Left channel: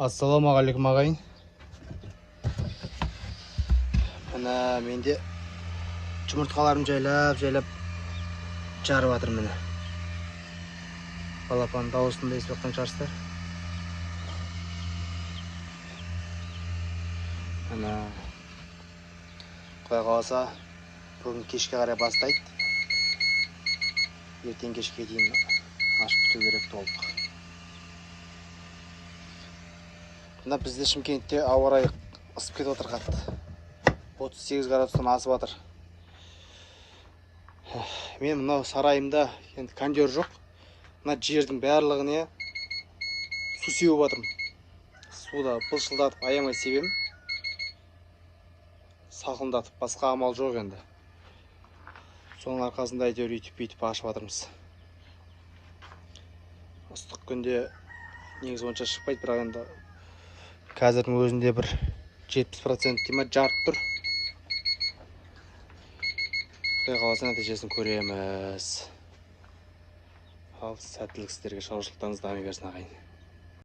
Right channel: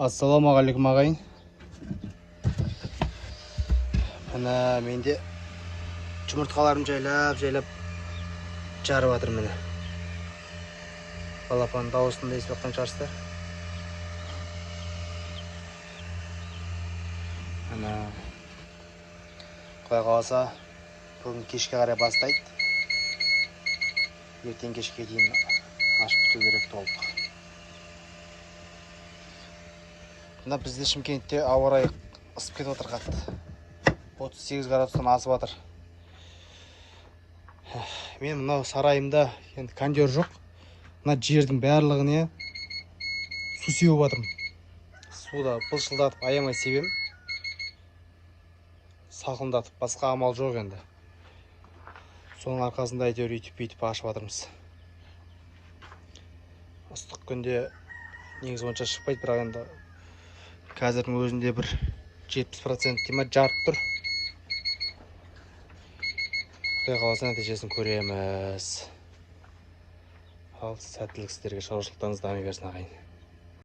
Ассалаумағалейкум ағайын. Мына менде жұмыртқаларым жайлап жарып жатыр міне. Балапан дауысын да естіп жатқан шығарсыздар. Мына Құдай қаласа бүгін кешке қарай бастайды. Ертең кешке дейін ашып күту керек толық. Мына бізде Шымкентте ауа райы ысып кетіп отыр қатты. 38 градустан асып жатыр. Мен мына сарайымда енді кондер жоқ. Мына жердің барлығына су сеуіп жатырмын. Суда былшылдатып аямай себем. Салқындатып, басқа амал жоқ енді. Соның арқасында әйтеуір үйтіп ашып жатырмыз. Ыстық күнде негізі онша шықпайды, бірақ енді қазірдің өзінде бір 70% дейма жарып тұр. Құдай қаласа нәтижесін көреміз. Ал сәттілік сіздерге, шаруашылықтарыңыз дами берсін ағайын.